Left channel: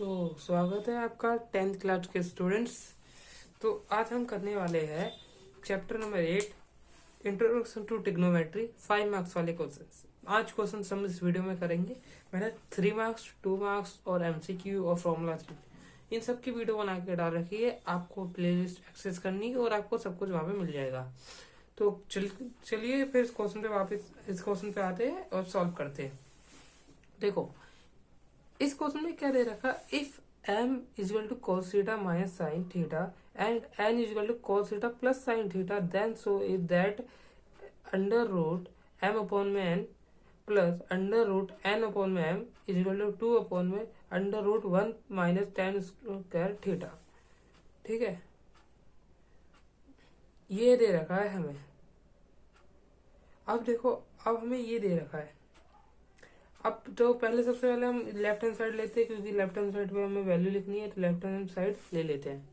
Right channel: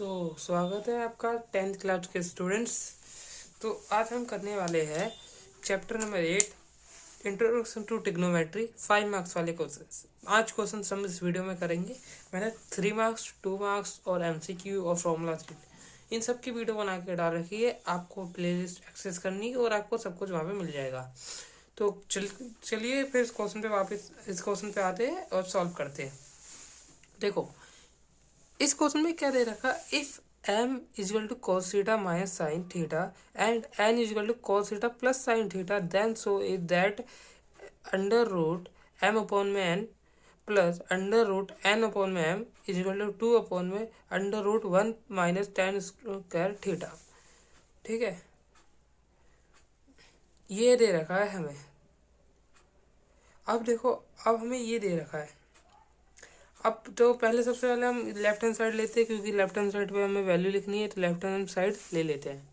तो स्वागत है आपका 10th क्लास के स्टूडेंट्स। तो आज हम करने वाले हैं chapter number 8 introduction to trigonometry 5 marks वाले क्वेश्चंस। आज क्वेश्चन हम इस वीडियो में करेंगे। मैंने 3 मार्क्स 2 मार्क्स और एमसीक्यू और फॉर्मूलाज इन सब की वीडियो बना के डाल रखी है। आपको प्लेलिस्ट एक्सेस करनी है और आपको सब कुछ वहाँ पे मिल जाएगा। तो चलिए फिर इस क्वेश्चन पे आते हैं और सॉल्व करते हैं। देखो इस क्वेश्चन में क्या दे रखा, if m equal to cos theta minus sine theta and n equal to cos theta plus sine theta then so is that under root m upon में n plus under root n upon में m equal to 2 upon में under root 1 minus tan square theta. ठीक है, ये दे रखा है हमें। अब देखो, अब हमें ये दे रखा है। अब तो पहले सबसे पहले हम लेफ्ट हैंड साइड लेते हैं, क्योंकि लेफ्ट हैंड साइड पे हमें वैल्यू लिखनी है, तो लेफ्ट हैंड साइड ले लेते हैं।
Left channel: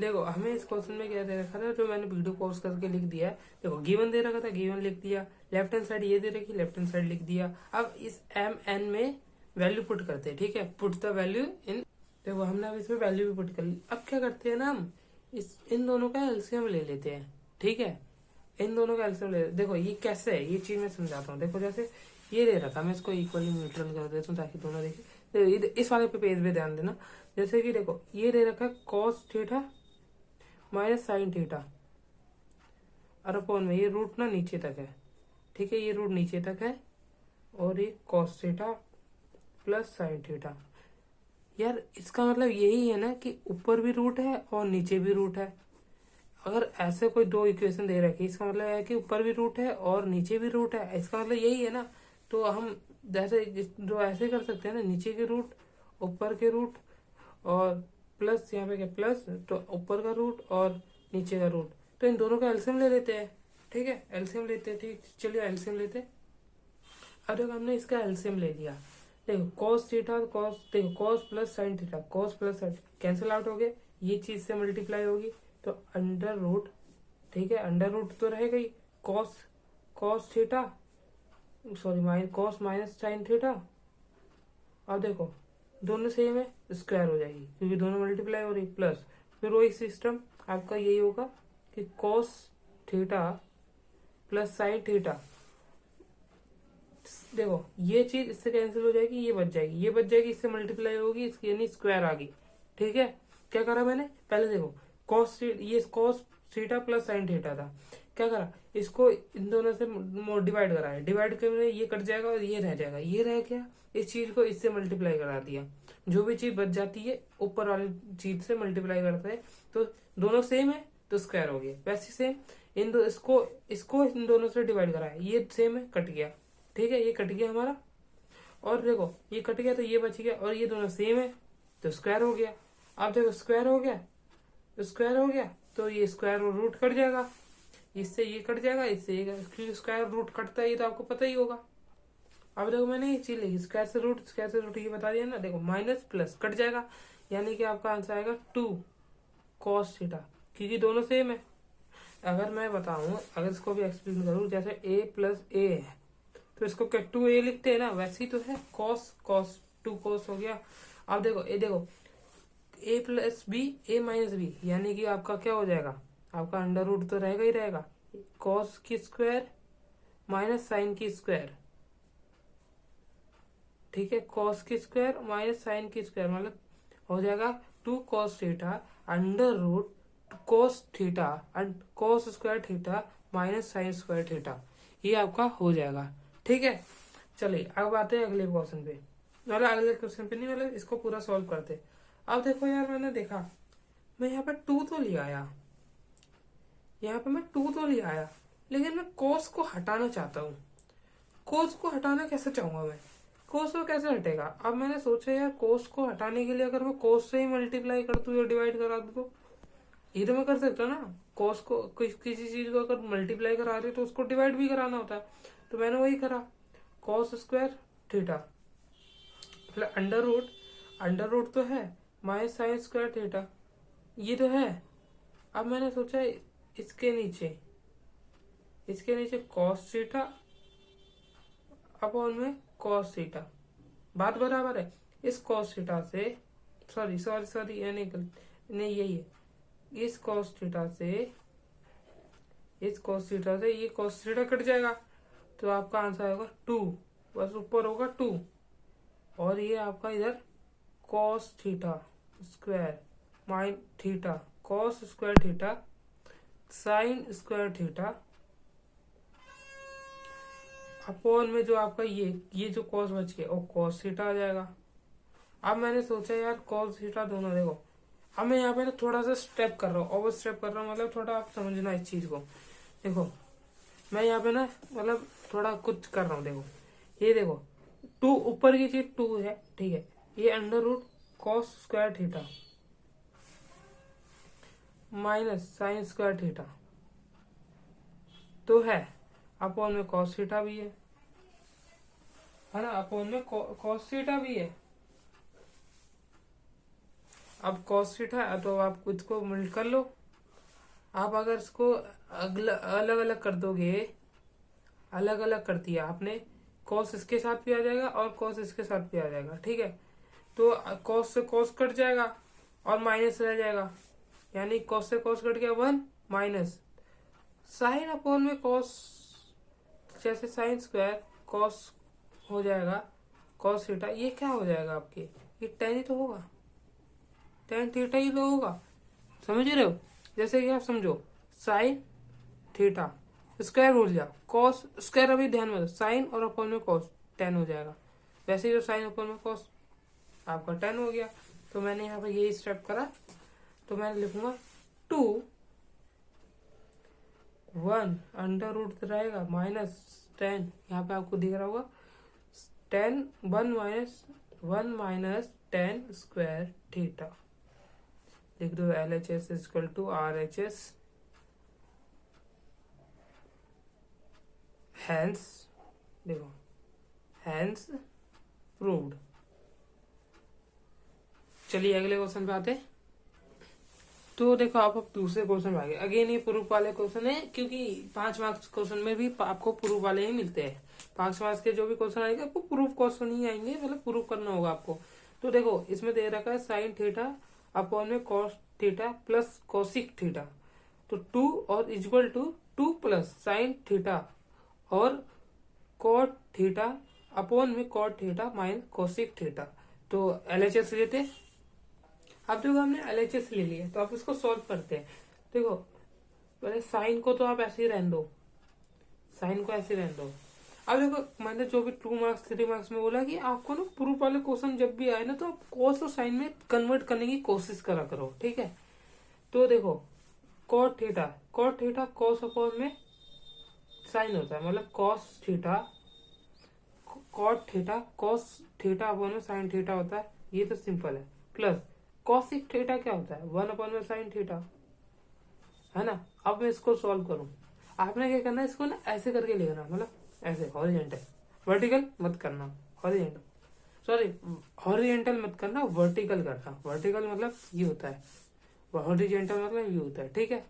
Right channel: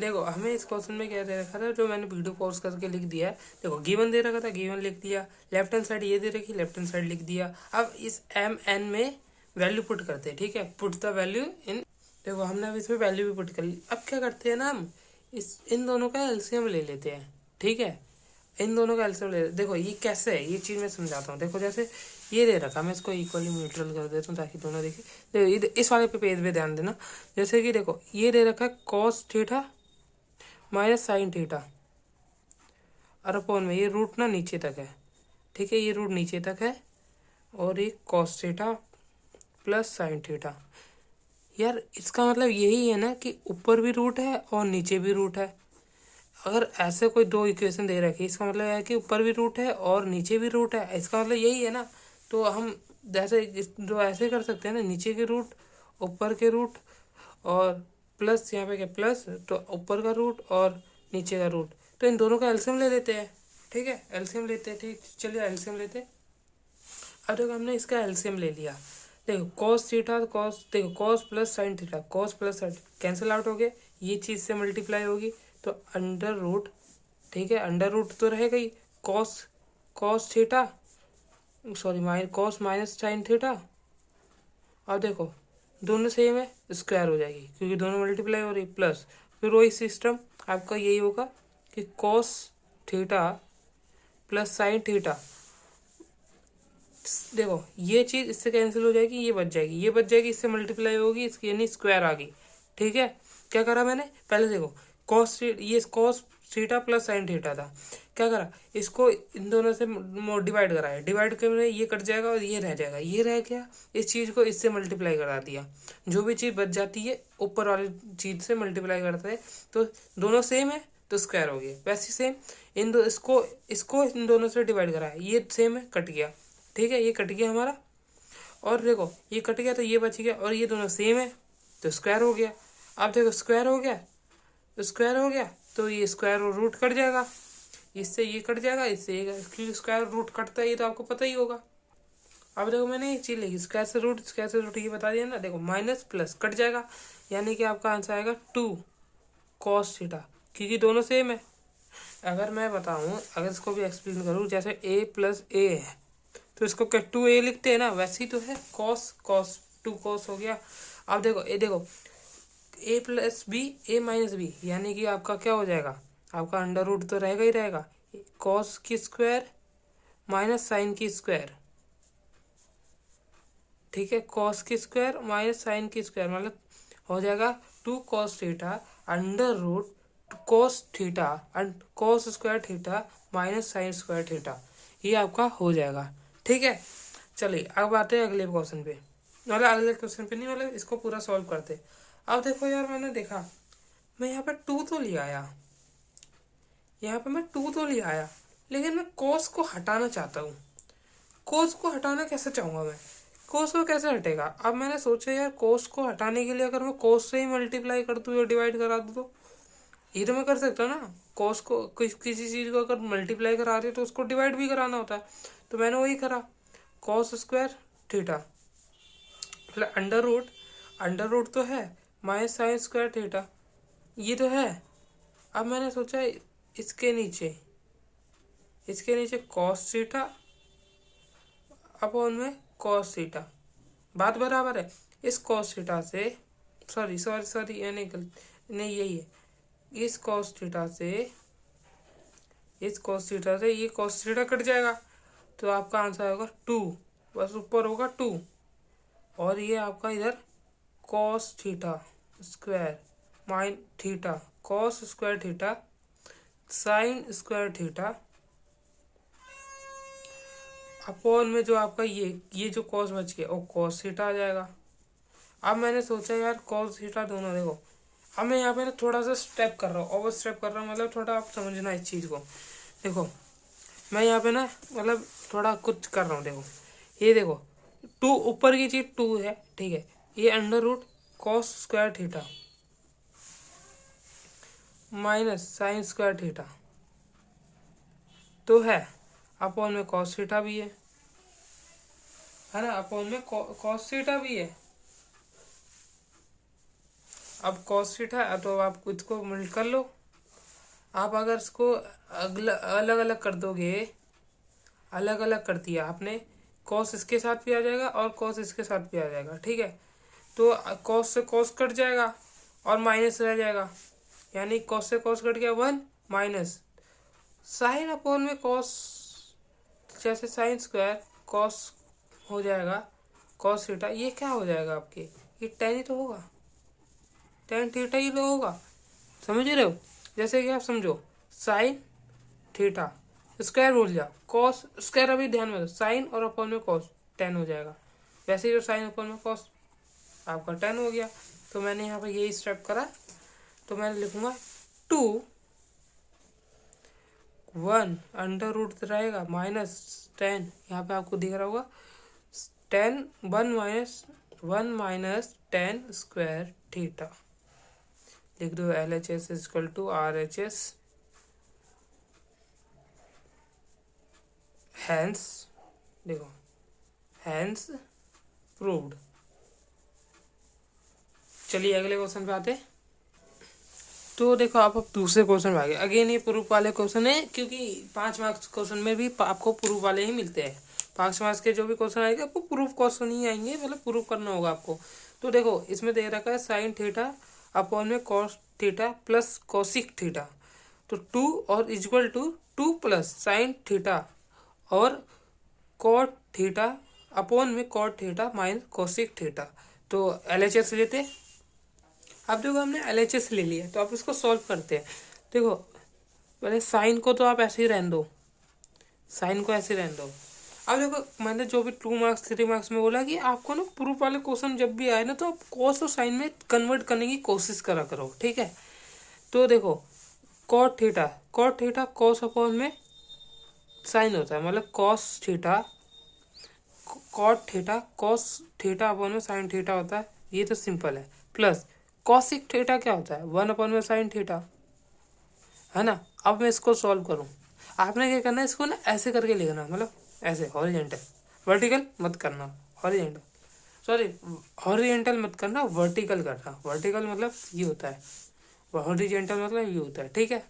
देखो हमें इस क्वेश्चन में क्या दे रखा था, जो मैंने वीडियो पॉज करके लिख दिया है। देखो गिवन दे रखा था, गिवन लिख दिया। लेफ्ट हैंड साइड ये दे रखी, लेफ्ट हैंड साइड लिख दिया। अब इस एम एन में वैल्यू पुट करते हैं। ठीक है, पुट द वैल्यू इन। देखो हमने अब इसमें वैल्यू भी पुट कर ली। अब क्या करते हैं ना, हम इन दोनों का एलसीएम ले लेते हैं। ठीक है, इन दोनों का एलसीएम ले। देखो ये कैसे है, ये चीज़ मैं समझाता हूँ। देखो जैसे ये दे रखा, मैं इसको इक्वली न्यूट्रल कर देता हूँ ताकि दोनों देखें। देखो इस वाले पे पेज पे ध्यान देना। जैसे कि देखो ये दे रखा है cos theta minus sine theta और अपॉन में ये रूट ना नीचे तक है। ठीक है, ये रूट नीचे तक है और ये cos theta plus sine theta. यार इसका मतलब यही है ना कि ऊपर भी रूट है और नीचे भी रूट है। अगर ऐसे कोई दो इक्वेशन दे रखी, इसका मतलब है कि ऊपर भी रूट है और नीचे भी रूट है। इसका मतलब यही है ना। तो हम जैसे जो ऐसे कर सकते हैं ना, नीचे के रूट ऊपर के रूट और प्लस यहाँ पे क्या प्लस, तो ऊपर का रूट और नीचे का रूट, तो इन दोनों का एलसीएम ले लेते हैं। ठीक है, एलसीएम लेते हैं। ठीक, चलिए एलसीएम लेते हैं। अब देखो हमने इसका एलसीएम ले लिया। देखो कॉस थीटा कॉस, देखो cos plus sine theta, cos plus sign cancel out हो गया, ये चीज़ से मल्टीप्लाई होगी तो अंडर रूट। ठीक है, अंडर रूट तो रहेगा ही। Cos cos theta sorry cos minus sine theta. अब देखो दोनों सेम है, स्क्वायर हो जाएगी क्योंकि दोनों मल्टीप्लाई हो रही। प्लस फिर वही सिस्टम आपका यही होगा कि cos theta plus sine theta. देखो ये चीज़ इससे कैंसिल हो जाएगी, ये बच जाएगी, ये बच जाएगी, इससे मल्टीप्लाई होगी, इसकी यानी स्क्वायर आ गई। ठीक है, क्या करा मैंने पहले, देखो कॉस, ये cos theta plus sine theta था। क्या करा, इसको इन दोनों से डिवाइड कराया। डिवाइड करने ये कट जाएगा और ये रह जाएगा, ये रह गया। इस चीज़ को इससे मल्टीप्लाई करा दिया। जो भी चीज़ बच जाती है ऊपर वाली चीज़ से मल्टीप्लाई करते हैं तो दोनों सेम है तो स्क्वायर हो गया। वैसे सेम इन दो इसको इसको इन दोनों से डिवाइड कराया, ये सेम है, कट गया। ठीक है, ये कट गया हमारा। और देखो ये कट गया तो ये बच गया और ये दोनों सेम है तो स्क्वायर हो गया। अब देखो स्क्वायर हो गया तो स्क्वायर हो गया तो ये स्क्वायर रूट कट जाएगा, इससे ये कट जाएगा, इससे ये, क्योंकि स्क्वायर रूट कटता है, ये तो आपको पता ही होगा। अब देखो मैंने ये चीज़ लिखी, स्क्वायर से रूट ये बता दिया ना। देखो माइनस प्लस कट जाएगा, यानी कि आपका आंसर आएगा 2 कॉस थीटा, क्योंकि दोनों सेम है। अगर मैं बताऊँ, अगर इसको भी एक्सप्लेन करूँ, जैसे a प्लस ए है तो इसको क्या 2a लिखते हैं ना, वैसे ही तो है। कॉस कॉस 2 कॉस हो गया। अब देखो ए, देखो a plus B A minus B, यानी कि आपका क्या हो जाएगा, आपका अंडर रूट तो रहेगा ही रहेगा। कॉस की स्क्वायर माइनस साइन की स्क्वायर। ठीक है, कॉस की स्क्वायर माइनस साइन की स्क्वायर मतलब हो जाएगा 2 cos theta under root cos theta and cos square theta minus sine square theta, ये आपका हो जाएगा। ठीक है, चलिए अब आते हैं अगले क्वेश्चन पे। मतलब अगले क्वेश्चन पे नहीं, मतलब इसको पूरा सॉल्व करते। अब देखो यार, मैंने देखा मैं यहाँ पे 2 तो ले आया, यहाँ पे मैं 2 तो ले आया, लेकिन मैं कॉस को हटाना चाहता हूँ। कोस को हटाना कैसे चाहूँगा मैं, कोस को कैसे हटेगा। अब मैंने सोचा यार कोस को हटाने के लिए अगर मैं कोस से ही मल्टीप्लाई कर दूँ या डिवाइड करा दूँ, तो ये तो मैं कर सकता हूँ ना। कोस को किसी चीज़ को अगर मल्टीप्लाई करा रही है तो उसको डिवाइड भी कराना होता है। तो मैंने वही करा, कॉस स्क्वायर थीटा मतलब अंडर रूट तो है माइनस साइन स्क्वायर थीटा, ये तो है। अब मैंने सोचा इसके नीचे कॉस थीटा अपॉन में कॉस थीटा, बात बराबर है। इस कॉस थीटा से सॉरी सॉरी सॉरी ये नहीं यही है, इस कॉस थीटा से ये कॉस थीटा कट जाएगा, तो आपका आंसर आएगा 2, बस ऊपर होगा 2, और ये आपका इधर cos theta square mine theta cos square theta sine square theta upon में जो आपका ये जो कॉस बच गया वो कॉस थीटा आ जाएगा। अब मैंने सोचा यार कॉस थीटा दोनों, देखो अब मैं यहाँ पे ना थोड़ा सा स्टेप कर रहा हूँ, ओवर स्टेप कर रहा हूँ, मतलब थोड़ा आप समझना इस चीज़ को। देखो मैं यहाँ पे ना मतलब थोड़ा कुछ कर रहा हूँ, देखो ये देखो 2 ऊपर की चीज 2 है, ठीक है, ये under root cos square theta minus sine square theta तो है, अपॉन में कॉस थीटा भी है ना, अपॉन में कॉस थीटा भी है। अब कॉस थीटा तो आप इसको मिल कर लो, आप अगर इसको अलग अलग कर दोगे, अलग अलग कर दिया आपने, कॉस इसके साथ भी आ जाएगा और कॉस इसके साथ भी आ जाएगा, ठीक है, तो कॉस से कॉस कट जाएगा और माइनस रह जाएगा, यानी कॉस से कॉस कट गया 1 माइनस साइन अपॉन में कॉस, जैसे साइन स्क्वायर कॉस हो जाएगा कॉस थीटा, ये क्या हो जाएगा आपके, ये टेन ही तो होगा, टेन थीटा ही तो होगा, समझ रहे हो। जैसे कि आप समझो साइन थीटा स्क्वायर भूल जाओ, कॉस स्क्वायर अभी ध्यान में दो, साइन और अपॉन में कॉस 10 हो जाएगा, वैसे ही जो साइन अपॉन में कॉस आपका 10 हो गया। तो मैंने यहाँ पे यही स्टेप करा, तो मैं लिखूंगा 2 1 अंडर रूट रहेगा माइनस 10, यहाँ पे आपको दिख रहा होगा 10 1 माइनस 10 स्क्वायर थीटा, लिख दो LHS equal to RHS, hence देखो हैंस प्रूव्ड। चलिए अगले क्वेश्चन पे आते हैं। तो देखो आप अब दूसरे क्वेश्चन में आ गए, अगेन ये प्रूफ वाले क्वेश्चन है, क्योंकि 5 मार्क्स क्वेश्चन में भी आपको प्रूफ वाले ही मिलते हैं, 5 मार्क्स के जो भी क्वेश्चन आएंगे आपको प्रूफ क्वेश्चन ही आएंगे, मतलब प्रूफ करना होगा आपको। तो देखो इसमें दे रखा है साइन थीटा अपॉन में cos theta plus cosec theta, तो 2 और equal to 2 plus sine theta और कॉट थीटा अपॉन में cot theta minus cosec theta. तो LHS लेते, अब देखो हमने LHS ले लिया, तो आप इसको सॉल्व करते हैं। देखो पहले साइन को तो आप ऐसे ही रहने दो, साइन को ऐसे रहने दो। अब देखो मैंने जो भी 2 मार्क्स 3 मार्क्स में बोला कि आपको ना प्रूफ वाले क्वेश्चन जब भी आए ना, तो आप कॉस और साइन में कन्वर्ट करने की कोशिश करा करो, ठीक है। तो देखो कॉट थीटा कॉस अपॉन में साइन होता है, मतलब cos theta cot theta cos theta upon में साइन थीटा होता है, ये तो सिंपल है। प्लस कॉसिक थीटा क्या होता है 1 अपॉन में साइन थीटा, है ना। अब मैं इसको सॉल्व करूँ, आपने क्या करना है, इसको ना ऐसे करके लिखना, मतलब ऐसे हॉरिजेंटल, वर्टिकल मत करना, हॉरिजेंटल सॉरी हॉरिजेंटल मत करना, वर्टिकल करना, वर्टिकल मतलब ये होता है, हॉरिजेंटल मतलब ये होता है, ठीक है।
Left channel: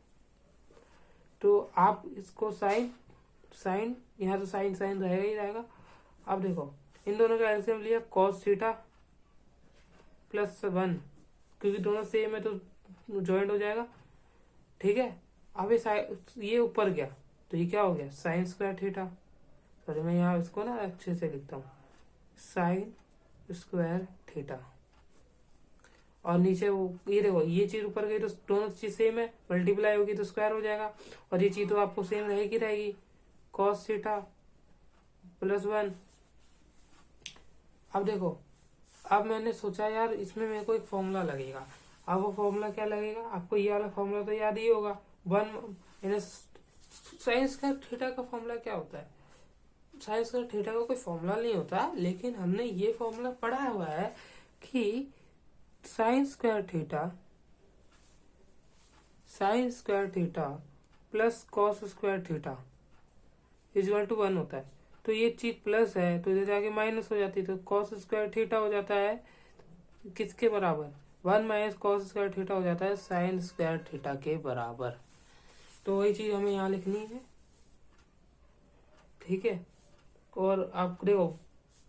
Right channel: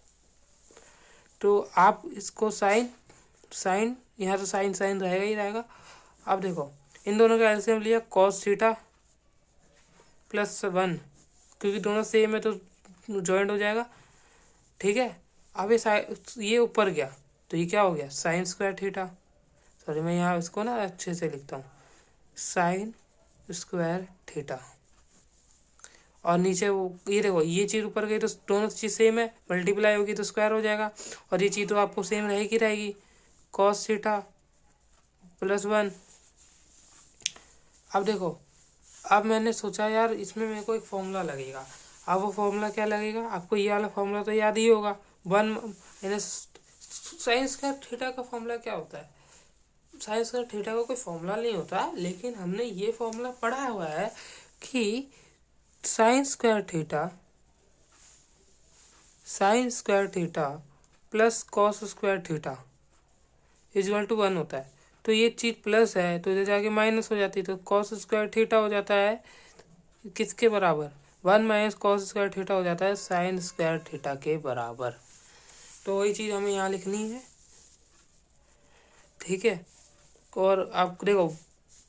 तो आप इसको साइन यहाँ तो साइन साइन रहेगा ही रहेगा। अब देखो इन दोनों का एलसीएम लिया कॉस थीटा प्लस 1, क्योंकि दोनों सेम है तो जॉइंट हो जाएगा, ठीक है। अब ये ऊपर गया तो ये क्या हो गया साइन स्क्वायर थीटा, सॉरी मैं यहाँ इसको ना अच्छे से लिखता हूँ, साइन स्क्वायर थीटा, और नीचे वो ये देखो ये चीज़ ऊपर गई तो दोनों चीज़ सेम है, मल्टीप्लाई होगी तो स्क्वायर हो जाएगा, और ये चीज़ तो आपको सेम रहेगी कॉस थीटा प्लस 1। अब देखो अब मैंने सोचा यार इसमें मेरे को एक फॉर्मूला लगेगा, अब वो फॉर्मूला क्या लगेगा, आपको ये वाला फॉर्मूला तो याद ही होगा, 1 साइन स्क्वायर थीटा का फॉर्मूला क्या होता है, साइन स्क्वायर थीटा का कोई फॉर्मूला नहीं होता, लेकिन हमने ये फॉर्मूला पढ़ा हुआ है कि sine square theta plus cos square theta equal to 1 होता है। तो ये चीज़ प्लस है तो इधर जाके माइनस हो जाती है, तो कॉस स्क्वायर थीटा हो जाता है किसके बराबर, 1 माइनस कॉस स्क्वायर थीटा हो जाता है साइन स्क्वायर थीटा के बराबर। तो वही चीज़ हमें यहाँ लिखनी है, ठीक है। और आप देखो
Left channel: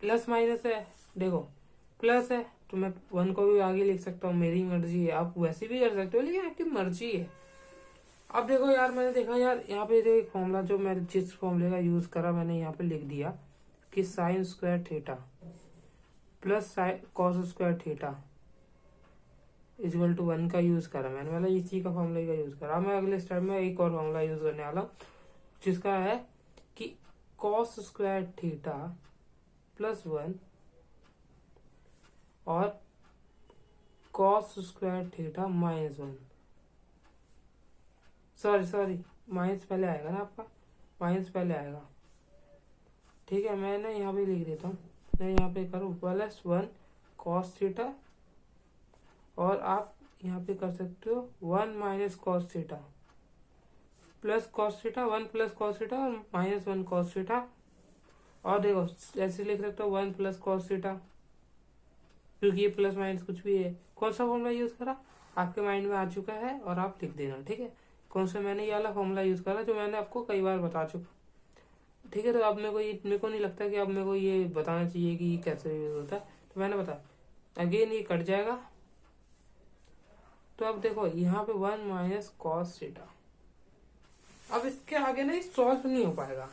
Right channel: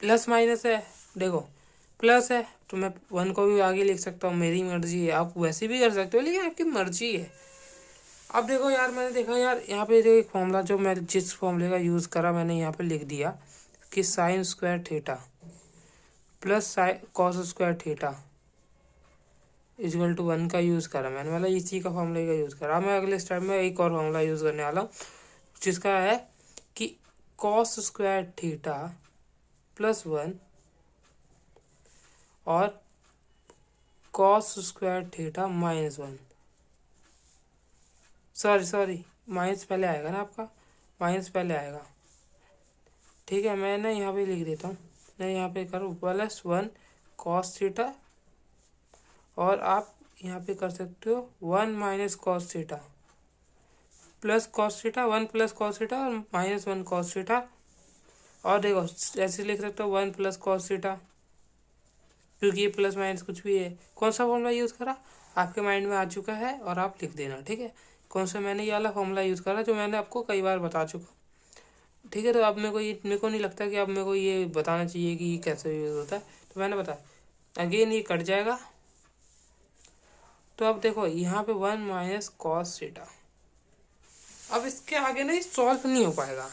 प्लस माइनस है, देखो प्लस है तो मैं 1 को भी आगे लिख सकता हूँ, मेरी मर्जी है। आप वैसे भी कर सकते हो, लेकिन आपकी मर्जी है। अब देखो यार, मैंने देखा यार यहाँ पे जो एक फॉर्मूला, जो मैं जिस फॉर्मूले का यूज़ करा मैंने यहाँ पे लिख दिया कि sine square theta plus cos square theta equal to 1 का यूज़ करा मैंने, मतलब इसी का फॉर्मूले का यूज़ करा। मैं अगले स्टेप में एक और फॉर्मूला यूज़ करने वाला हूँ, जिसका है कि कॉस स्क्वायर थीटा प्लस 1 और cos square theta minus 1। Sorry minus पहले आएगा ना आपका, माइनस पहले आएगा। ठीक है, मैं ना यहाँ पे लिख देता हूँ, मैं यहाँ पे करूँ प्लस 1 कॉस थीटा, और आप यहाँ पे कर सकते हो 1 minus cos theta plus cos theta, 1 plus cos theta और माइनस 1 कॉस थीटा। और देखो ऐसे लिख सकते हो 1 प्लस कॉस थीटा, क्योंकि ये प्लस माइनस कुछ भी है। कौन सा फॉर्मूला यूज़ करा आपके माइंड में आ चुका है, और आप लिख देना। ठीक है, कौन सा मैंने ये वाला फॉर्मूला यूज़ करा जो मैंने आपको कई बार बता चुका। ठीक है, तो अब मेरे को नहीं लगता कि अब मेरे को ये बताना चाहिए कि ये कैसे यूज़ होता है, तो मैंने बताया। अगेन ये कट जाएगा, तो अब देखो यहाँ पे 1 माइनस कॉस थीटा। अब इसके आगे ना ये सॉल्व नहीं हो पाएगा,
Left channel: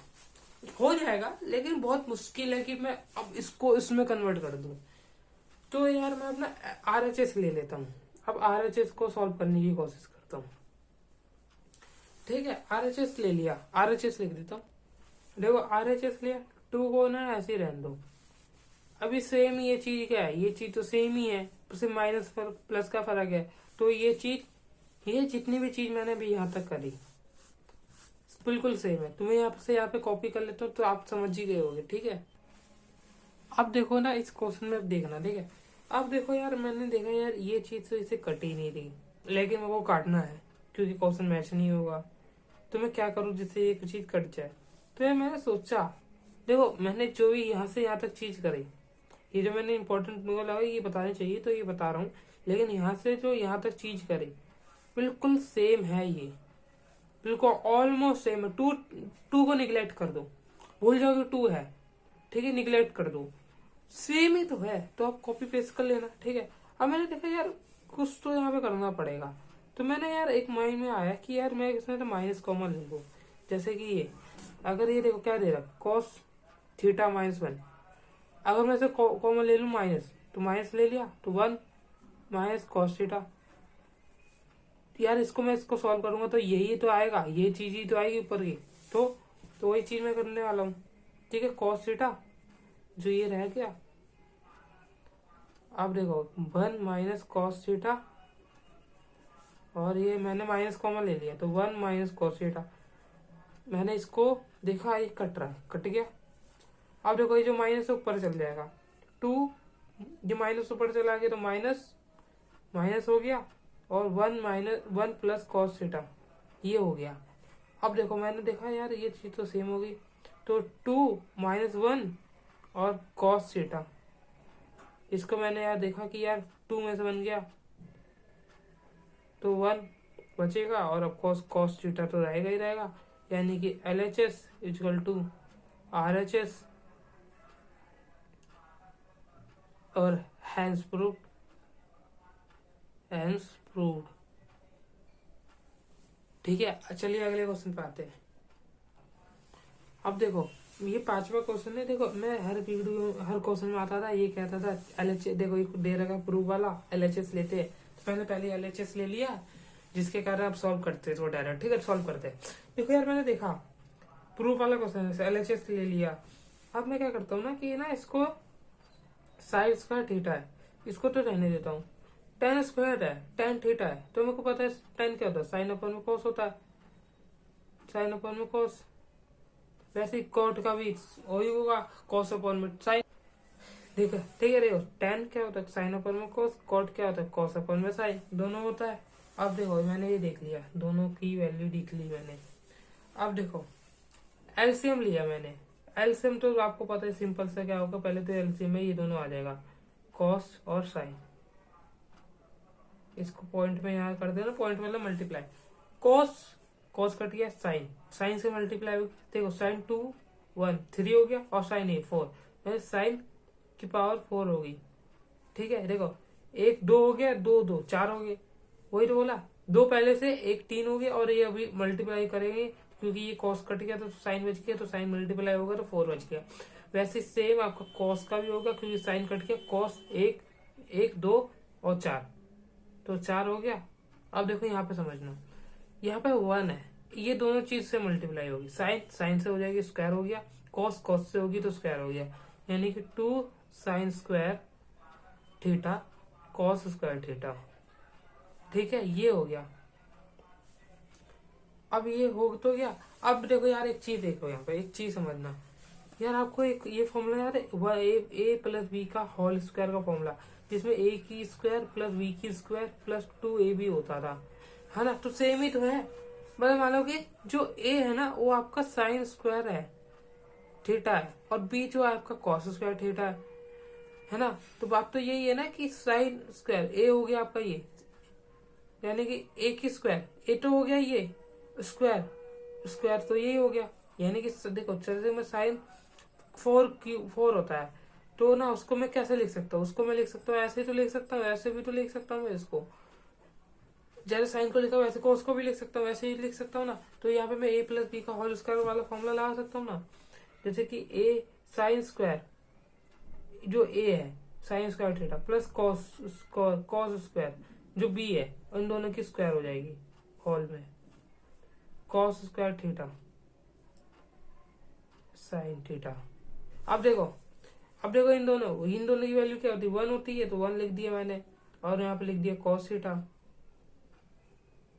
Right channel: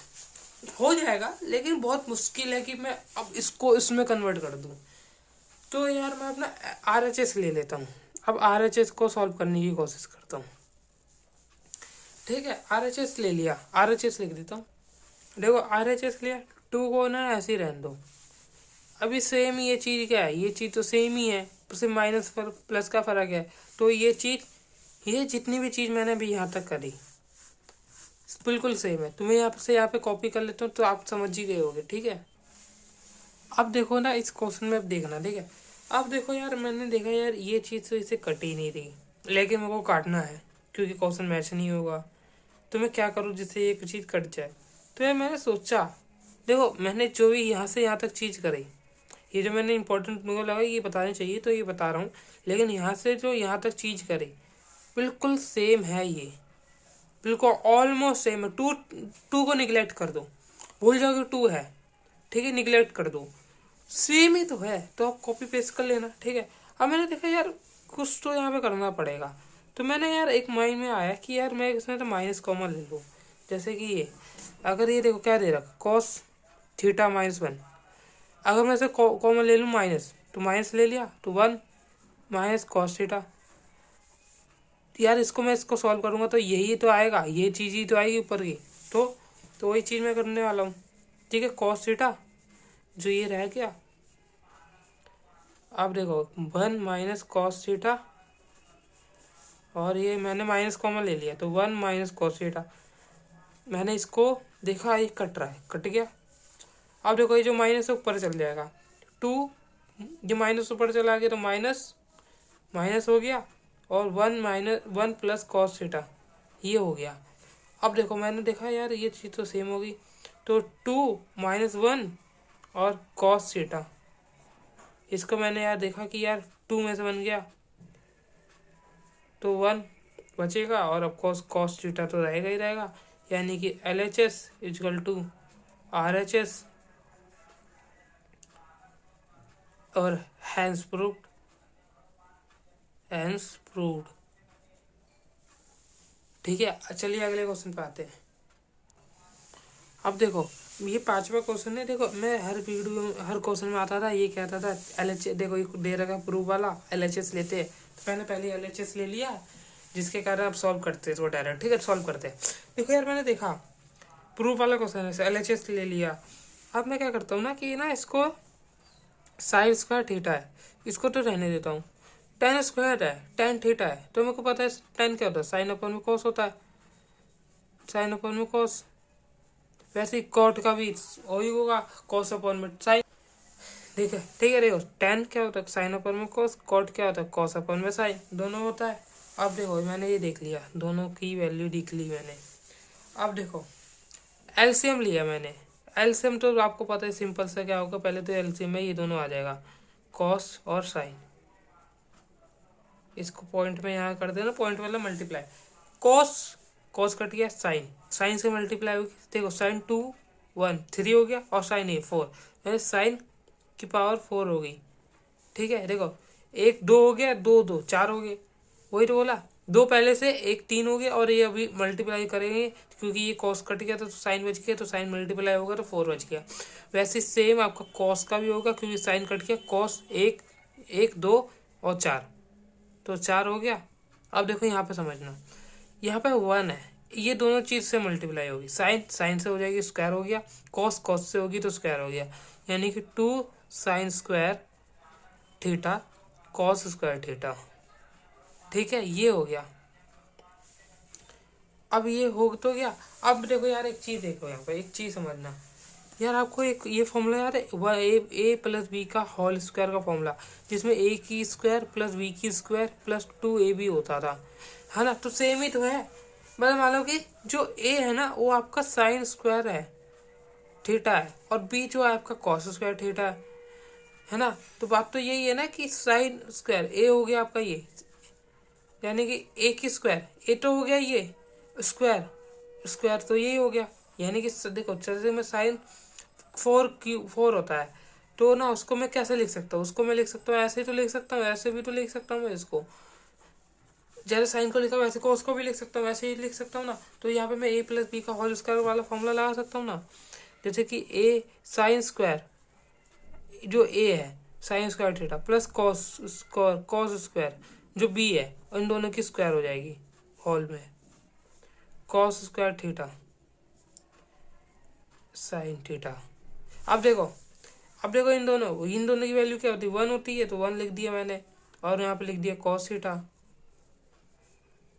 हो जाएगा लेकिन बहुत मुश्किल है कि मैं अब इसको इसमें कन्वर्ट कर दूँ। तो यार मैं अपना RHS ले लेता हूँ। अब RHS को सॉल्व करने की कोशिश करता हूँ। ठीक है, RHS ले लिया, RHS लिख देता हूँ। देखो RHS लिया, 2 को ना ऐसे ही रहने दो। अभी सेम ये चीज़ क्या है, ये चीज़ तो सेम ही है, सिर्फ माइनस पर प्लस का फ़र्क है। तो ये चीज़, ये जितनी भी चीज़ मैंने अभी यहाँ तक करी बिल्कुल सेम है। तुम्हें यहाँ पे कॉपी कर लेता हूँ, तो आप समझ ही गए होगे। ठीक है, अब देखो ना इस क्वेश्चन में, अब देखना। ठीक है, अब देखो यार, मैंने देखा यार ये चीज़ तो इसे कट ही नहीं रही, लेकिन मेरे को काटना है क्योंकि क्वेश्चन मैच नहीं होगा। तो मैं क्या करूँ जिससे ये चीज़ कट जाए। तो यार मैंने सोचा, देखो मैंने जो भी यहाँ से यहाँ तक चीज़ करी, ये जो मैंने इंपॉर्टेंट मेरे को लगा ये बताने चाहिए तो ये बता रहा हूँ, लेकिन यहाँ से जो यहाँ तक चीज़ करी बिल्कुल सेम है, ये बिल्कुल ऑलमोस्ट सेम है। टू को निगलेक्ट कर दो, भूल जाओ कि 2 है। ठीक है, निगलेक्ट कर दो, सेम ही तो है, तो आप कॉपी पेस्ट कर लेना। ठीक है, अब मैंने देखा यार कुछ तो यहाँ पे करना पड़ेगा, तो मैंने यार एक माइंड में आया कि यार मैं इसमें तो माइनस कॉमन ले लूँ। जैसे कि ये, अगर ये देखो क्या दे रखा, कॉस थीटा माइनस 1, अगर मैं इसे कॉमन ले लूँ माइनस, तो माइनस ले लिया, तो 1 माइनस कॉस थीटा। यार इसको मैं इसको सॉल्व करूँगा तो यही तो आएगा, ये चीज़ ही तो आएगी ऊपर की। तो वही चीज़ मैं करने वाला हूँ। ठीक है, कॉस थीटा जो ये रह गया, अब देखो 1 माइनस कॉस थीटा, और ये मैंने माइनस कॉमन ले लिया, तो 1 माइनस कॉस थीटा। मैंने इसको देखा ये कट रहा है, कट गया। अब देखो ये जो माइनस है ऊपर चल जाएगा, 2 जो माइनस ऊपर चला गया तो माइनस माइनस हो गया, और 1 माइनस 1 प्लस कॉस थीटा ये हो गया। अब देखो मैंने देखा यार ये चीज़ तो सेम होगी, तो 2 माइनस 1 और कॉस थीटा, इसको मैंने यार देखा कि यार 2 में से बन गया, तो 1 बचेगा, और अब कॉस थीटा तो रहेगा ही रहेगा। यानी कि LHS इजकल टू RHS, और हैंस प्रूव्ड, हैंस प्रूव्ड। ठीक है, चलिए अगले क्वेश्चन पे आते हैं। अब देखो ये 5वां क्वेश्चन है। देखो मैं हर वीडियो में, हर क्वेश्चन में आता था ये कहता था LHS, देखो ये दे रखा प्रूव वाला LHS लेते हैं, तो मैंने पहले LHS ले लिया, जिसके कारण आप सॉल्व करते तो डायरेक्ट। ठीक है, सॉल्व करते हैं। देखो यार मैंने देखा प्रूफ वाला क्वेश्चन है, LHS ले लिया। अब मैं क्या करता हूँ ना कि ना इसको साइन स्क्वायर थीटा है, इसको तो रहने देता हूँ। टेन स्क्वायर है, टेन थीटा है, तो मेरे को पता है टेन क्या होता है, साइन अपन में कॉस होता है, साइन अपन में कॉस। वैसे ही कॉट का भी वही होगा, कॉस अपन में साइन। ठीक है, देखो टेन क्या होता है, साइन अपन में कॉस, कॉट क्या होता है, कॉस अपन में साइन, दोनों होता है। अब देखो मैंने ये देख लिया, दोनों की वैल्यू देख ली मैंने। अब देखो एलसीएम लिया मैंने, एलसीएम तो आपको पता है सिंपल सा क्या होगा, पहले तो एलसीएम में ये दोनों आ जाएगा, कॉस और साइन। इसको पॉइंट में यहाँ कर देना, पॉइंट मतलब मल्टीप्लाई, कॉस कॉस कट गया, साइन साइन से मल्टीप्लाई होगी। देखो साइन 2 1 3 हो गया, और साइन 4, यानी साइन की पावर 4 होगी। ठीक है देखो, एक दो हो गया, दो दो चार हो गए, वही तो बोला, दो पहले से, एक तीन हो गया, और ये अभी मल्टीप्लाई करेंगे क्योंकि ये कॉस कट गया तो साइन बच गया, तो साइन मल्टीप्लाई होगा तो 4 बच गया। वैसे सेम आपका कॉस का भी होगा क्योंकि साइन कट गया, कॉस एक, एक दो और चार, तो 4 हो गया। अब देखो यहाँ पे समझना, यहाँ पे 1 है, ये दोनों चीज से मल्टीप्लाई होगी, साइन साइन से हो जाएगी स्क्वायर हो गया, कॉस कॉस से होगी तो स्क्वायर हो गया, यानी कि 2 sign square theta cos square theta. ठीक है, ये हो गया। अब ये हो तो गया। अब देखो यार एक चीज देखो, यहाँ पे एक चीज समझना यार, आपको एक ये फॉर्मूला यार, ए प्लस बी का होल स्क्वायर का फॉर्मूला, जिसमें ए की स्क्वायर प्लस बी की स्क्वायर प्लस 2ab होता था, है ना, तो सेम ही तो है। मतलब मान लो कि जो ए है ना वो आपका साइन स्क्वायर है थीटा है, और बी जो है आपका कॉस स्क्वायर थीटा है ना। तो बात तो यही है ना कि साइन स्क्वायर ए हो गया आपका ये, यानी कि ए की स्क्वायर, ए तो हो गया ये स्क्वायर, स्क्वायर तो यही हो गया, यानी कि देखो जैसे में साइन 4 होता है, तो ना उसको मैं कैसे लिख सकता हूँ, उसको मैं लिख सकता हूँ ऐसे ही तो लिख सकता हूँ, ऐसे भी तो लिख सकता हूँ मैं इसको, जैसे साइन को लिखा वैसे को उसको भी लिख सकता हूँ, वैसे ही लिख सकता हूँ ना। तो यहाँ पे मैं ए प्लस बी का होल स्क्वायर वाला फॉर्मूला लगा सकता हूँ ना, जैसे कि ए साइन स्क्वायर, जो ए है sign square theta plus cos square जो बी है, इन दोनों की स्क्वायर हो जाएगी होल में, cos square theta sine theta. अब देखो इन दोनों की वैल्यू क्या होती है, 1 होती है, तो 1 लिख दिया मैंने, और यहाँ पे लिख दिया कॉस थीटा।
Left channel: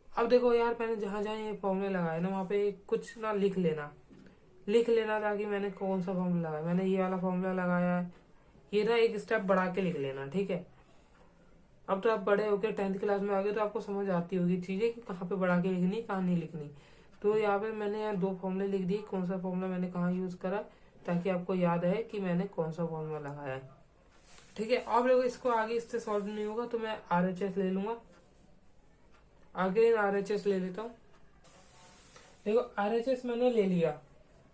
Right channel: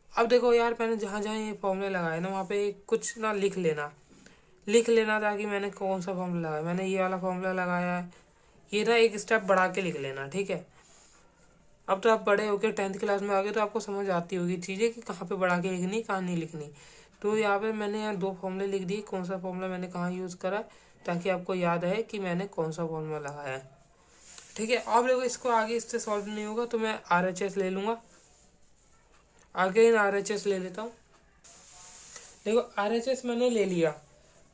अब देखो यार, मैंने जहाँ जहाँ ये फॉर्मूले लगाए ना वहाँ पे कुछ ना लिख लेना ताकि मैंने कौन सा फॉर्मूला लगाया, मैंने ये वाला फॉर्मूला लगाया है, ये ना एक स्टेप बढ़ा के लिख लेना, ठीक है। अब तो आप बड़े होकर 10th क्लास में आ गए तो आपको समझ आती होगी चीज़ें कि कहाँ पे बढ़ा के लिखनी कहाँ नहीं लिखनी। तो यहाँ पे मैंने यहाँ 2 फॉर्मूले लिख दिए, कौन सा फॉर्मूला मैंने कहाँ यूज़ करा, ताकि आपको याद है कि मैंने कौन सा फॉर्मूला लगाया है, ठीक है। अब देखो इसको आगे इससे सॉल्व नहीं होगा तो मैं RHS ले लूँगा, आगे इन RHS ले लेता हूँ। देखो RHS मैंने ले लिया,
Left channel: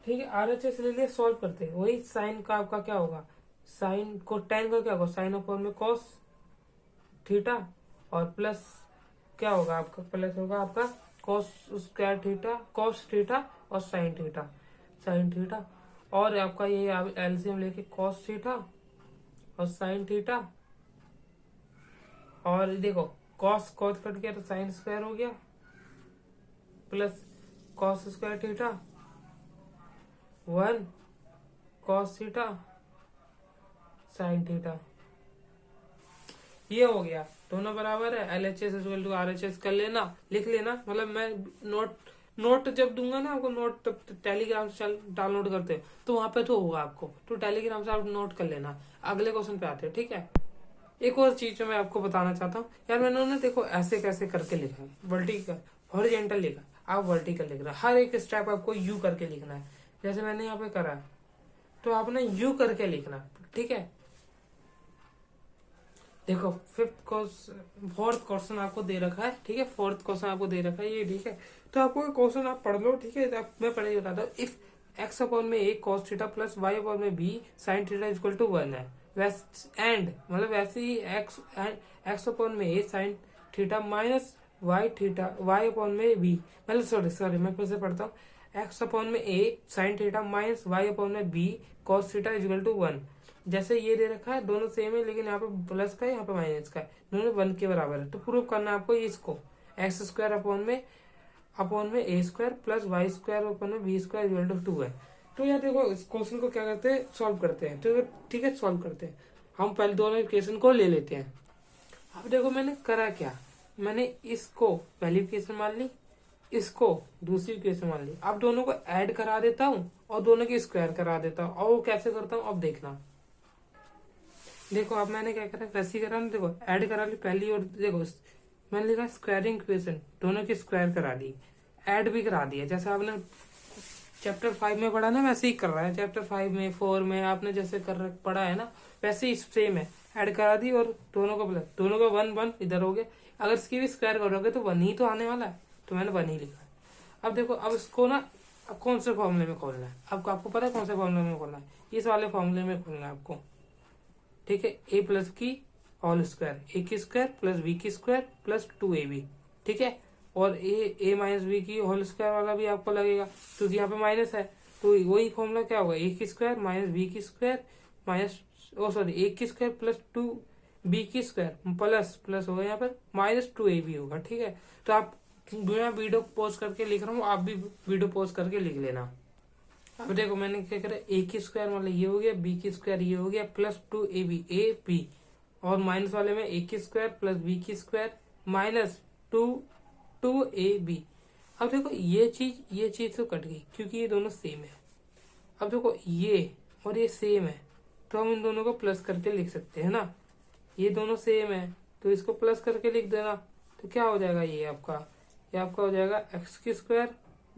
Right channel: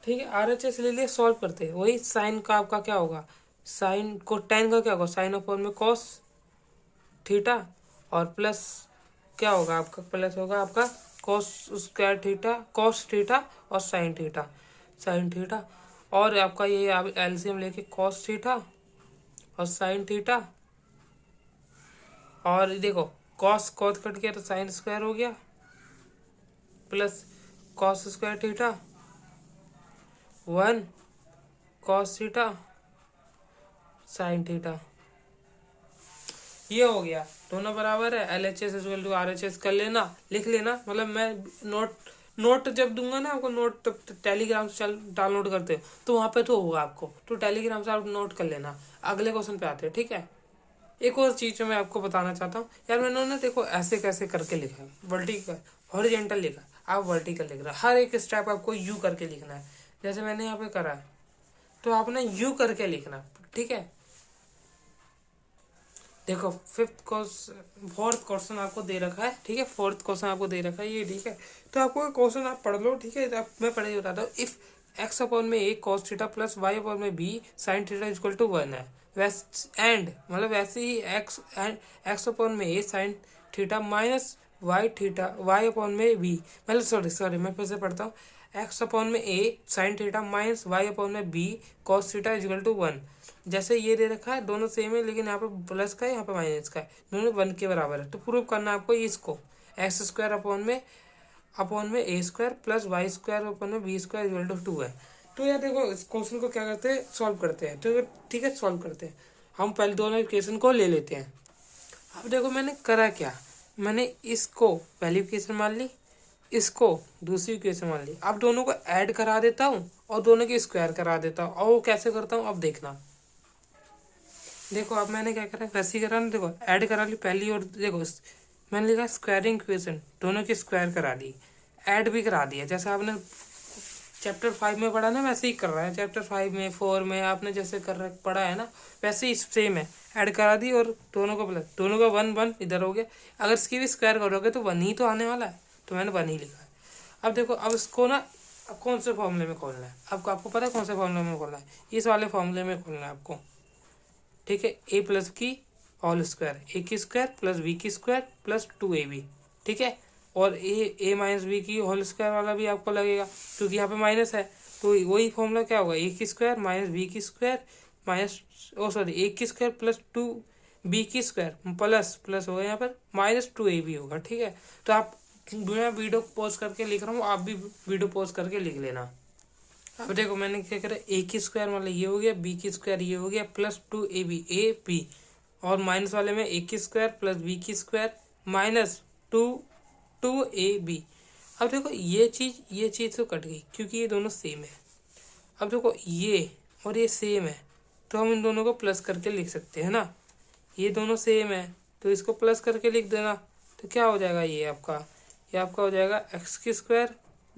ठीक है, RHS ले लिया, सॉल्व करते हैं। वही साइन का आपका क्या होगा, साइन को टेन का क्या होगा, साइन अपॉन में कॉस थीटा, और प्लस क्या होगा आपका, प्लस होगा आपका cos square theta cos theta और साइन थीटा, और आपका ये एलसीएम लेके कॉस थीटा और साइन थीटा, और देखो कॉस कट गया तो साइन स्क्वायर हो गया, plus cos square theta 1 cos theta sine theta, ये हो गया। दोनों बराबर है, LHS इक्वल टू RHS कर लेना, लिख लेना। मतलब मैं नोट जब दूंगा ना आपको, नोट तब टेलीग्राम से डाउनलोड करते हो तो वहाँ पे तो होगा आपको, तो टेलीग्राम से आप नोट कर लेना। अगले क्वेश्चन पे आते हैं, ठीक है। एक और चीज़ जो मैं आपको बताना चाहता हूँ यार, मैंने ना देखो ऐसे कैसे करके लिखा है, वर्टिकल हॉरिजॉन्टल लिखा, आप वर्टिकल लिख रहे हैं, हर एक स्टेप आपको यू करके लिखना है, जैसे मैंने यहाँ पे करा है तो आपने यू करके लिखना, ठीक है। देखो फोर्थ क्वेश्चन आपको दे रखा है, ठीक है, फोर्थ क्वेश्चन आपको दे रखा है ये, ठीक है। तो आपको क्वेश्चन आप पढ़ लो, ठीक है, मैं पढ़े ही बताता हूँ। इफ एक्स अपॉन में a cos theta plus y upon में b sine theta equal to 1 है, एंड मतलब वैसे ही एक्स अपॉन में a sine theta minus y upon में बी, मतलब सॉरी मैं फिर से पढ़ता हूँ। एक्स अपॉन में a sine theta minus y upon में b cos theta equal to 1, जैसे ये दे रखा है दोनों सेम है, लेकिन यहाँ पे प्लस का है यहाँ पे माइनस का है, दोनों 1 के बराबर है। तो प्रूव करना है आपको इसको, एक्स स्क्वायर अपॉन में a square plus Y square upon में बी स्क्वायर इक्वल टू 2 है। तो यार देखो इस क्वेश्चन को क्या करते हैं, सॉल्व करते हैं। तो ठीक है, सॉल्व करते हैं। हम पहले दोनों इक्वेशन को ले लेते हैं। अब देखो मैंने करा क्या, मैंने इसको पहली इक्वेशन मान ली, इसको दूसरी इक्वेशन मान ली। अब दोनों को ऐड करा देता हूँ और दोनों की स्क्वायर करा देता हूँ। और वो कैसे करता हूँ अब देखना। देखो अब मैंने क्या करा, वैसे ही करा ना, देखो ऐड करा ली पहली, और देखो मैंने लिखा स्क्वायरिंग इक्वेशन, दोनों की स्क्वायर करा दी, ऐड भी करा दिया। जैसे आपने चैप्टर 5 में पढ़ा ना वैसे ही कर रहा है, चैप्टर 5 में 4 में आपने जैसे पढ़ा है ना वैसे ही सेम है। ऐड करा दी और दोनों का प्लस, दोनों का 1 इधर हो गया। अगर इसकी भी स्क्वायर करोगे तो 1 ही तो आने वाला है, तो मैंने 1 ही लिखा है। अब देखो अब इसको ना अब कौन से फॉर्मूले में खोलना है, आपको पता है कौन से फॉर्मूले में खोलना है, इस वाले फॉर्मूले में खोलना है आपको, ठीक है। ए प्लस की होल स्क्वायर, ए की स्क्वायर प्लस बी की स्क्वायर प्लस 2ab, ठीक है। और ए माइनस बी की होल स्क्वायर वाला भी आपको लगेगा क्योंकि यहाँ पे माइनस है, तो वही फॉर्मूला क्या होगा, ए की स्क्वायर माइनस बी की स्क्वायर माइनस ए की स्क्वायर प्लस 2b की स्क्वायर प्लस प्लस होगा यहाँ पर माइनस 2ab होगा, ठीक है। तो आप, मैं वीडियो पॉज करके लिख रहा हूँ, आप भी वीडियो पॉज करके लिख लेना। अब देखो मैंने क्या करा, ए की स्क्वायर मतलब ये हो गया, बी की स्क्वायर ये हो गया प्लस 2ab ए बी, और माइनस वाले में ए की स्क्वायर प्लस बी की स्क्वायर माइनस 2ab। अब देखो ये चीज़ तो कट गई क्योंकि ये दोनों सेम है। अब देखो ये और ये सेम है तो हम इन दोनों को प्लस करके लिख सकते हैं ना, ये दोनों सेम है तो इसको प्लस करके लिख देना। तो क्या हो जाएगा, ये आपका हो जाएगा एक्स की स्क्वायर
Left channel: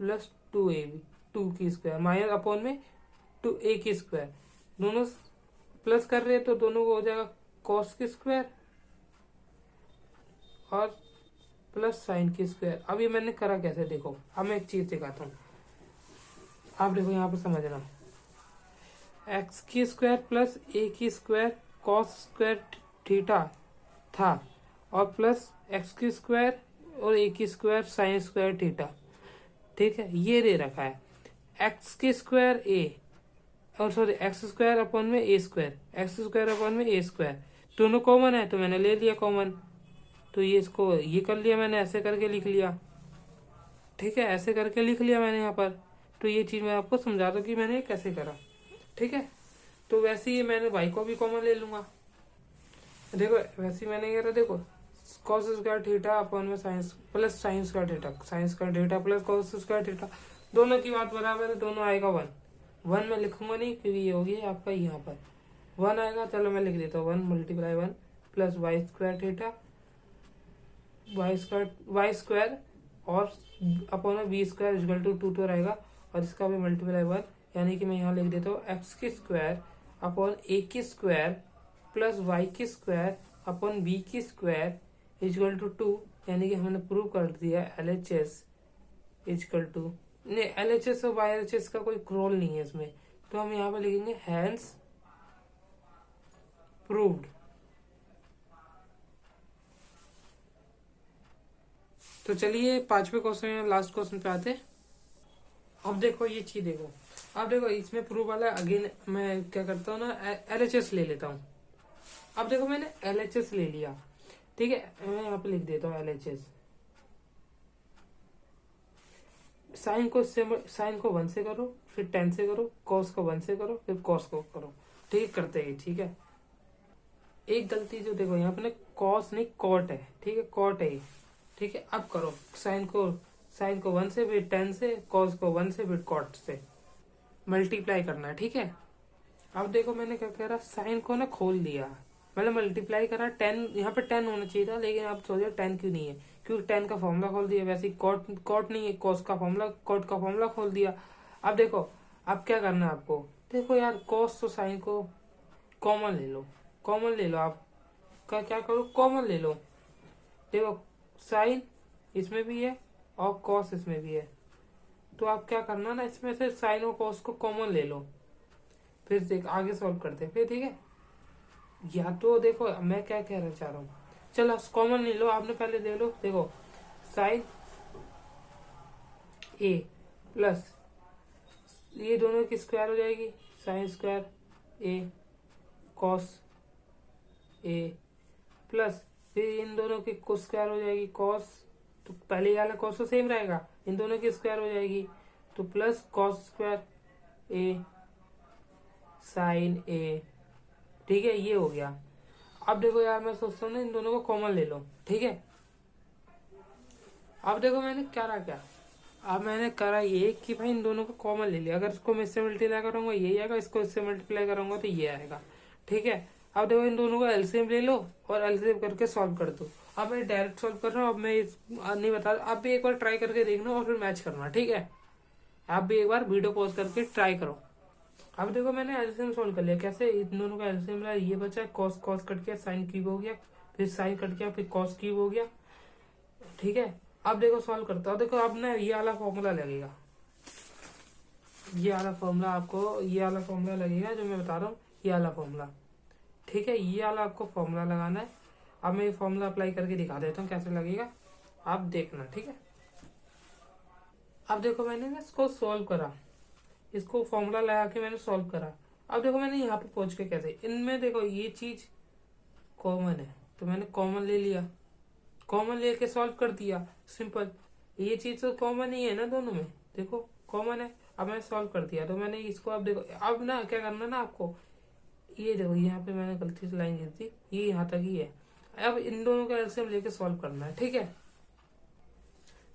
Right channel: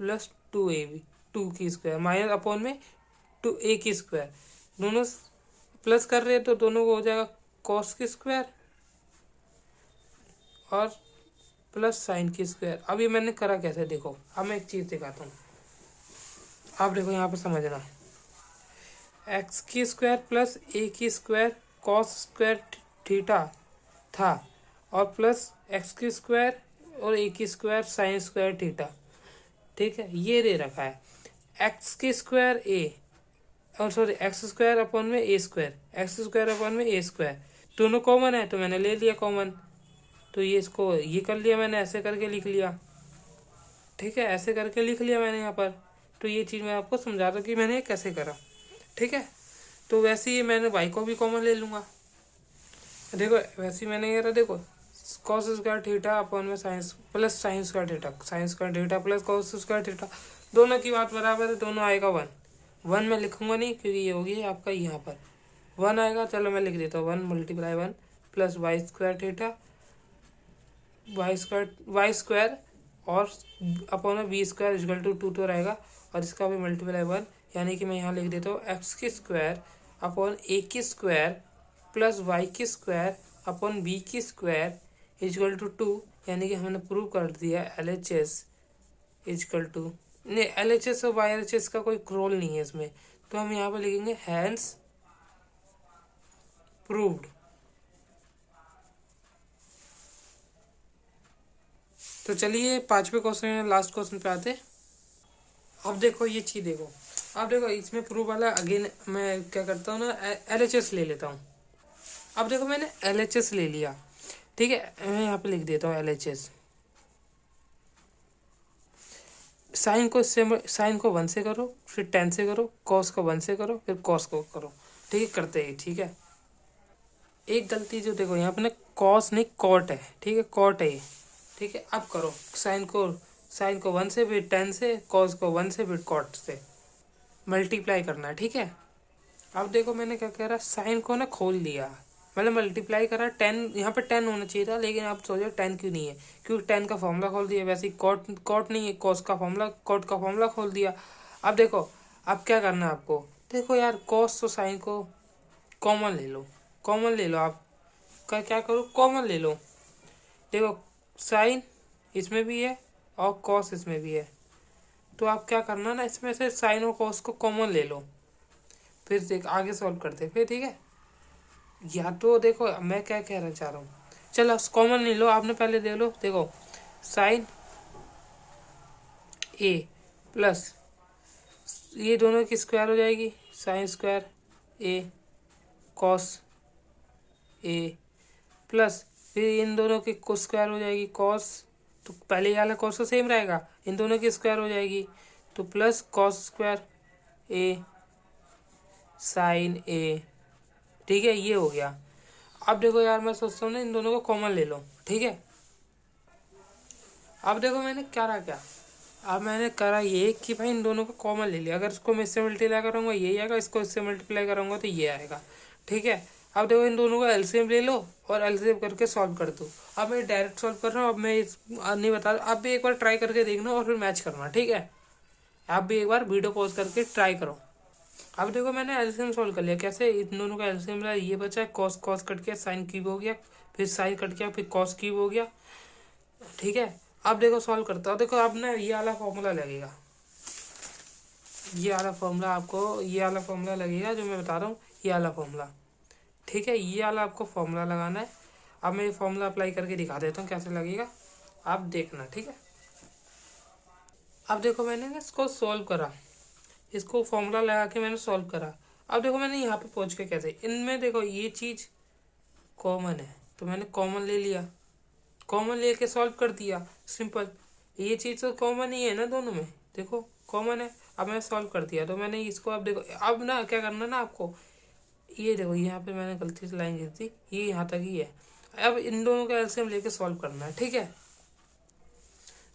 प्लस 2ab, 2 की स्क्वायर माइनस अपॉन में 2a की स्क्वायर, दोनों प्लस कर रहे हैं तो दोनों को हो जाएगा कॉस की स्क्वायर और प्लस साइन की स्क्वायर। अब ये मैंने करा कैसे, देखो अब मैं एक चीज़ दिखाता हूँ, आप देखो यहाँ पर समझना, एक्स की स्क्वायर प्लस ए की स्क्वायर कॉस स्क्वायर थीटा था और प्लस एक्स की स्क्वायर और ए की स्क्वायर साइन स्क्वायर थीटा, ठीक है। ये दे रखा है एक्स की स्क्वायर ए और सॉरी एक्स स्क्वायर अपॉन में a square, x square upon में ए स्क्वायर, दोनों कॉमन है तो मैंने ले लिया कॉमन, तो ये इसको ये कर लिया मैंने, ऐसे करके लिख लिया, ठीक है, ऐसे करके लिख लिया मैंने यहाँ पर। तो ये चीज़ मैं आपको समझा रहा हूँ कि मैंने कैसे करा, ठीक है। तो वैसे ही मैंने वाई को भी कॉमन ले लूँगा, देखो वैसे ही मैंने करा, देखो कॉस स्क्वायर थीटा अपॉन में science plus sign square theta, sign square theta plus cos square theta, दोनों की बात बराबर है, दोनों आएगा 1 में लिखूंगा नहीं क्योंकि ये होगी आपका यहाँ पर 1 आएगा, चलो मैं लिख देता हूँ 1 multiply 1 plus Y square theta Y square और अपॉन में बी स्क्वायर इक्वल टू 2 तो रहेगा, और इसका भी मल्टीप्लाई 1, यानी कि मैं यहाँ लिख देता हूँ एक्स की स्क्वायर अपॉन ए की स्क्वायर प्लस वाई की स्क्वायर अपॉन बी की स्क्वायर इक्वल टू 2, यानी कि हमने प्रूव कर दिया LHS इक्वल टू, नहीं LHS और YHS का कोई रोल नहीं है इसमें, तो हम यहाँ पर लिखेंगे हैंस प्रूव्ड। तो चलिए 5वें क्वेश्चन लास्ट क्वेश्चन पे आते। अब देखो ये चीज़ देखो, अब देखो इसमें प्रूव वाला अगेन मैं क्या करता हूँ ना, LHS ले लेता हूँ। अब देखो मैंने LHS ले लिया, ठीक है, मैं यहाँ पे लिख देता हूँ LHS, साइन को 1 से करो, फिर 10 से करो, कॉस को 1 से करो, फिर कॉस को करो, ठीक करते हैं, ठीक है। एक गलती जो देखो यहाँ पे ना कॉस नहीं कॉट है, ठीक है, कॉट है ये, ठीक है। अब करो साइन को 1 से, फिर 10 से, कॉस को 1 से, फिर कॉट से मल्टीप्लाई करना है, ठीक है। अब देखो मैंने क्या करा, साइन को ना खोल दिया, मतलब मल्टीप्लाई करा 10, यहाँ पे 10 होना चाहिए था, लेकिन आप सोचो 10 क्यों नहीं है, क्योंकि 10 का फॉर्मूला खोल दिया, वैसे ही कॉट नहीं है, कॉस का फॉर्मूला कॉट का फॉर्मूला खोल दिया। अब देखो अब क्या करना है आपको, देखो यार कॉस तो साइन को कॉमन ले लो, कॉमन ले लो, आप क्या करो कॉमन ले लो, देखो साइन इसमें भी है और कॉस इसमें भी है, तो आप क्या करना ना, इसमें से साइन और कॉस को कॉमन ले लो, फिर देख आगे सॉल्व करते फिर, ठीक है। या तो देखो मैं क्या कहना चाह रहा हूँ, चलो कॉमन ले लो, आपने पहले दे लो, देखो साइन ए प्लस ये दोनों की स्क्वायर हो जाएगी, sine square A cos A plus फिर इन दोनों की स्क्वायर हो जाएगी कॉस, तो पहले वाला कॉस तो सेम रहेगा, इन दोनों की स्क्वायर हो जाएगी, तो प्लस कॉस स्क्वायर ए साइन ए, ठीक है, ये हो गया। अब देखो यार मैं सोचता हूँ ना इन दोनों को कॉमन ले लो, ठीक है। अब देखो मैंने क्या अब मैंने करा ये कि भाई इन दोनों को कॉमन ले लिया, अगर इसको मैं इससे मल्टीप्लाई करूँगा ये आएगा, इसको इससे मल्टीप्लाई करूँगा तो ये आएगा, ठीक है। अब देखो इन दोनों का एलसीएम ले लो और एलसीएम करके सॉल्व कर दो। अब मैं डायरेक्ट सॉल्व कर रहा हूँ, अब मैं नहीं बता रहा, आप भी एक बार ट्राई करके देखना और फिर मैच करना, ठीक है। आप भी एक बार वीडियो पॉज करके ट्राई करो। अब देखो मैंने एलसीएम सॉल्व कर लिया, कैसे, इन दोनों का एलसीएम मिला, ये बचा है कॉस कॉस कट गया, साइन क्यूब हो गया, फिर साइन कट गया, फिर कॉस क्यूब हो गया, ठीक है। अब देखो सॉल्व करता हूँ, देखो अब ना ये वाला फॉर्मूला लगेगा, ये वाला फॉर्मूला आपको, ये वाला फॉर्मूला लगेगा जो मैं बता रहा हूँ, ये वाला फॉर्मूला, ठीक है, ये वाला आपको फॉर्मूला लगाना है। अब मैं ये फॉर्मूला अप्लाई करके दिखा देता हूँ कैसे लगेगा, आप देखना। ठीक है, अब देखो मैंने ना इसको सॉल्व करा, इसको फॉर्मूला लगा के मैंने सॉल्व करा। अब देखो मैंने यहाँ पे पहुँच के कैसे, इनमें देखो ये चीज़ कॉमन है तो मैंने कॉमन ले लिया, कॉमन लेके सॉल्व कर दिया, सिंपल। ये चीज़ तो कॉमन ही है ना दोनों में, देखो कॉमन है। अब मैंने सॉल्व कर दिया तो मैंने इसको, अब देखो अब ना क्या करना ना आपको, ये देखो यहाँ पे मैंने गलती से लाइन खींच दी, ये यहाँ तक ही है। अब इन दोनों का एलसीएम लेके सॉल्व करना है। ठीक है,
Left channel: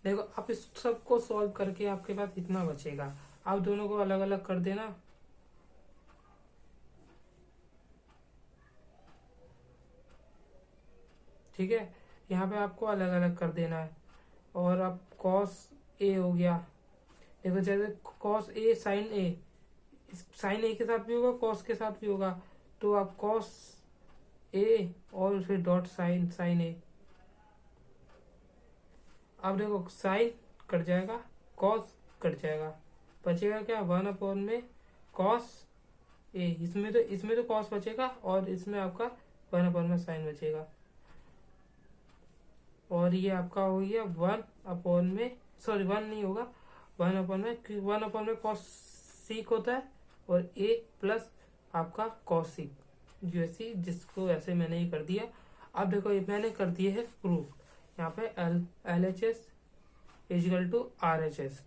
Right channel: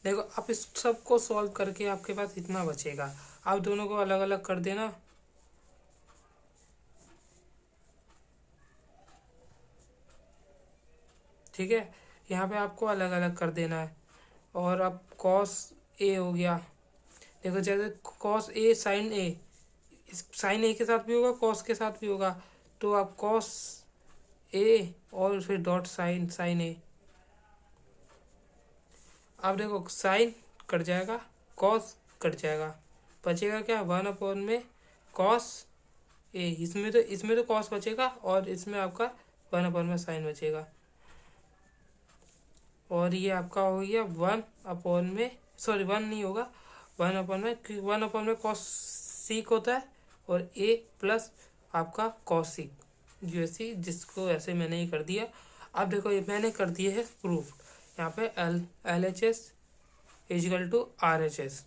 देखो आप इस सब को सॉल्व करके आपके पास इतना बचेगा, आप दोनों को अलग अलग कर देना। ठीक है, यहाँ पे आपको अलग अलग कर देना है। और अब कॉस ए हो गया, देखो जैसे cos A sign A, sign ए के साथ भी होगा कॉस के साथ भी होगा, तो आप कॉस ए और फिर डॉट साइन साइन ए। अब देखो साइन कट जाएगा, कॉस कट जाएगा, बचेगा क्या, 1 में कॉस ए, इसमें तो कॉस बचेगा और इसमें आपका 1 में साइन बचेगा। और ये आपका हो गया 1 में, सॉरी 1 नहीं होगा, 1 में कॉस सीक होता है और ए प्लस आपका कॉस सीक यूएससी, जिसको ऐसे मैंने ही कर दिया। अब देखो ये मैंने कर दिया है प्रूफ, यहाँ पे LHS इजिकल टू RHS।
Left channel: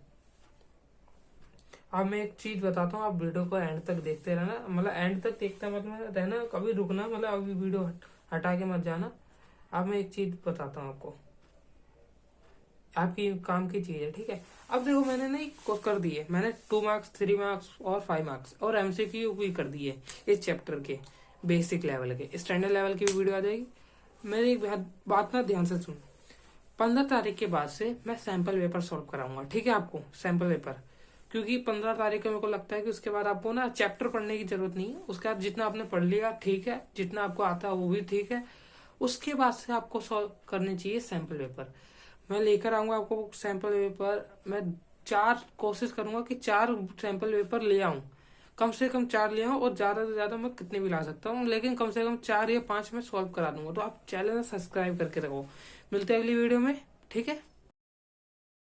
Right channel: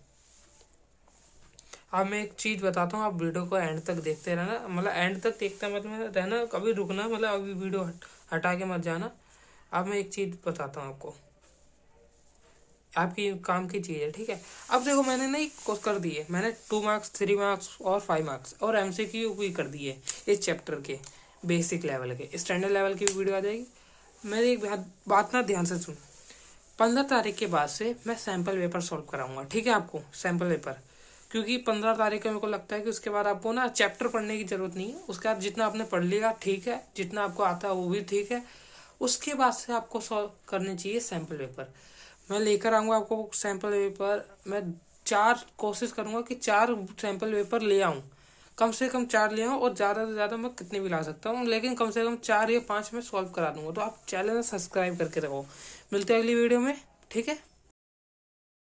अब मैं एक चीज़ बताता हूँ, आप वीडियो को एंड तक देखते रहना, मतलब एंड तक देखते मतलब रहना, कभी रुकना, मतलब अभी वीडियो हटा के मत जाना। अब मैं एक चीज़ बताता हूँ आपको, आपकी काम की चीज़ है। ठीक है, अब देखो मैंने नहीं कर दिए, मैंने 2 मार्क्स 3 मार्क्स और 5 मार्क्स और MCQ भी कर दिए इस चैप्टर के, बेसिक लेवल के। स्टैंडर्ड लेवल की वीडियो आ जाएगी। मेरी एक बात ना ध्यान से सुन, 15 तारीख के बाद से मैं सैम्पल पेपर सॉल्व कराऊंगा। ठीक है, आपको सैम्पल पेपर, क्योंकि 15 तारीख को मेरे को लगता है कि उसके बाद आपको ना चैप्टर पढ़ने की जरूरत नहीं है, उसके बाद जितना आपने पढ़ लिया ठीक है, जितना आपको आता है वो भी ठीक है, उसके बाद से आपको सॉल्व करने चाहिए सैम्पल पेपर। मैं लेकर आऊँगा आपको सैम्पल पेपर, मैं 4 कोशिश करूँगा कि 4 सैम्पल पेपर ले आऊँ, कम से कम 4 ले आऊँ, और ज़्यादा से ज़्यादा मैं कितने भी ला सकता हूँ, लेकिन कम से कम 4 या 5 में सॉल्व करा दूँगा। तो आप चैनल सब्सक्राइब करके रखो, मिलते हैं अगली वीडियो में। ठीक है।